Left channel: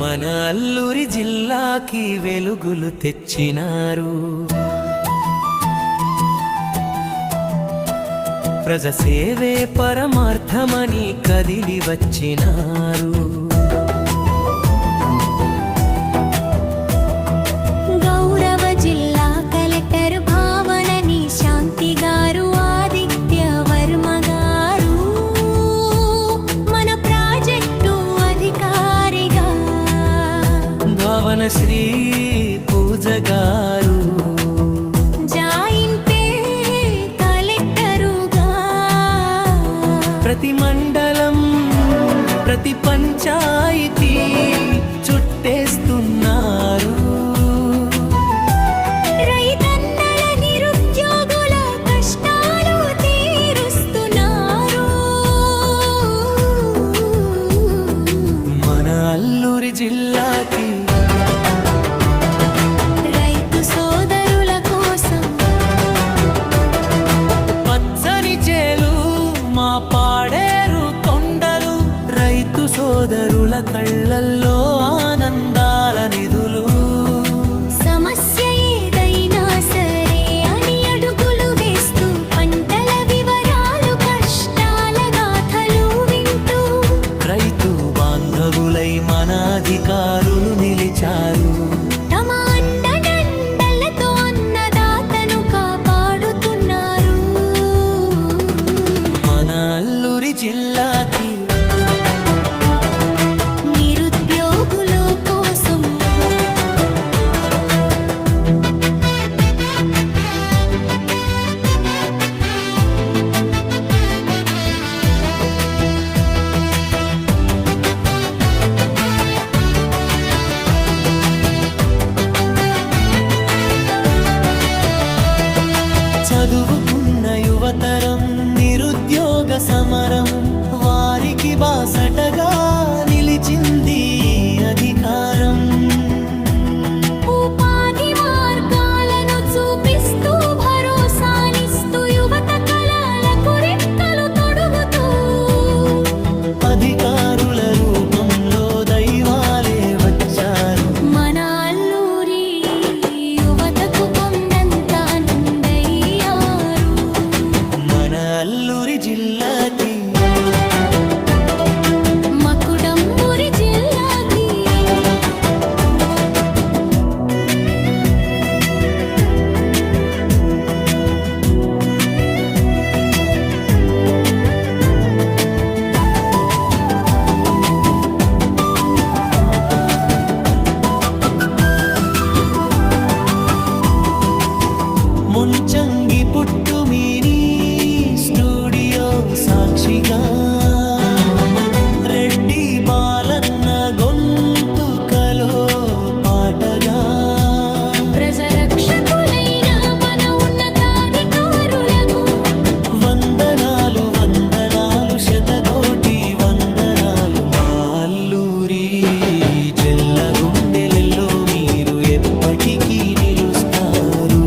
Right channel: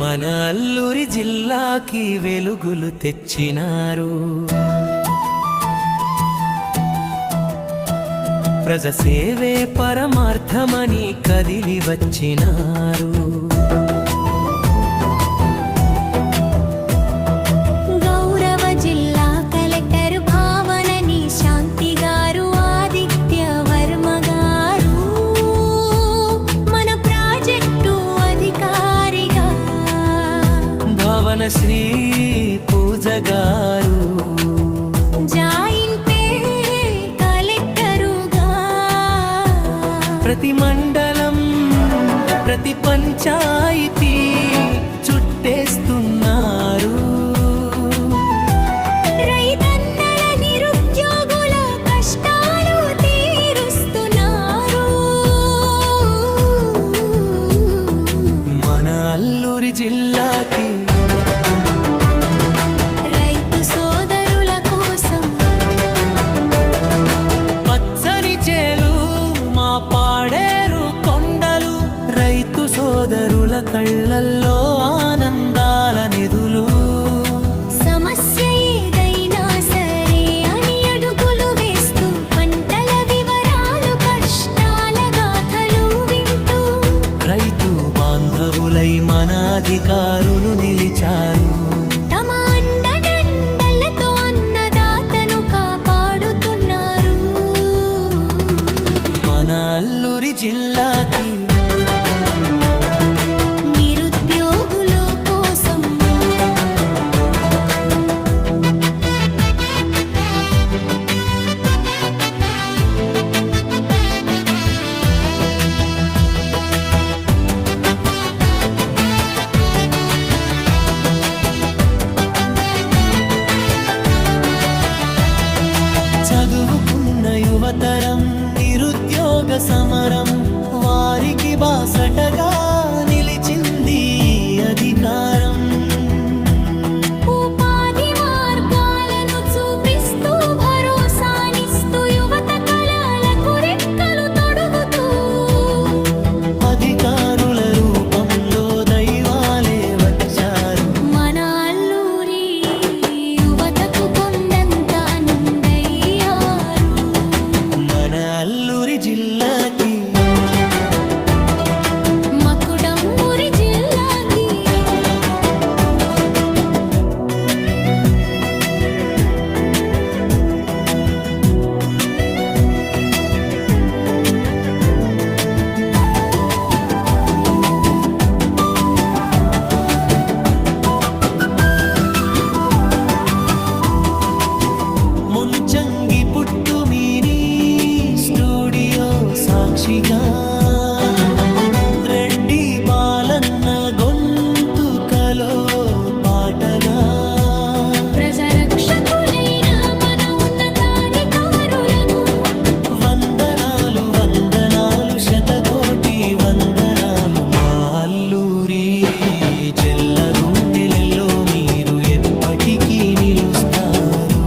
మన అల్లూరి జిల్లాకి వెలుగులు తెచ్చినారు. ప్రజసేవే పరమార్థమని కదిలి వచ్చినారు. గౌరవ జిల్లా కలెక్టర్ భావనని శాంతి గారు, ఆదిత్య వర్మ గారు మన ప్రాజెక్టు అధికారిగా, భావన శ్రీ పూజ గారు జాయింట్ కలెక్టరుగా, ప్రతి మండలం ప్రతి పంచాయతీ చుట్టేస్తున్నారు. రైతన్నల నిరుద్యోగుల కష్టాలు తీరుస్తున్నారు. మన అల్లూరి జిల్లాకి రైతు సోదరుల కోసం పచ్చని చేలు మా పాడేరు కొండలు, రైతు సోదరుల కళ్ళల్లో ఆనందాల నిధులు. సమస్య ఏదైనా సరే అని అడుగులు వేస్తూ, పంటల వివరాలు కష్టాల గాథలు వింటూ, రైతు బాంధవులై మన అధికారులు నిలిచారు. తమ అండదండలతో అన్నదాతను కాపాడుతున్నారు. మన అల్లూరి జిల్లాకి నిరుద్యోగుల కోసం చదువుకున్న యువతరం నిరుద్యోగ సమరం, వారికి బాసటగా నిలిచింది అధికారం. ఉపాధి మార్గాలను చూపిస్తూ, భరోసానిస్తూ, యువత కళలకు రెక్కలు తొడుగుతూ, అధికారుల రూపంలో దైవాలే వచ్చారు. మన అల్లూరి యువతకు కొండంత అండయ్యారు. మన అల్లూరి జిల్లాకి మకుటంబురి జిల్లాకి ముంచంగి పుట్టు మీని స్టూడియో సాక్షిగా, రెడ్డి బాలన్న గొంతుకలో పాటగా, ప్రజరక్షకులైన మన ఉన్నతాధికారులకు వందనాలు వందనాలు శతకోటి వందనాలు. మా అల్లూరి జల్ల గుండెలలో మీరు ఎప్పటికీ నిలుస్తారు.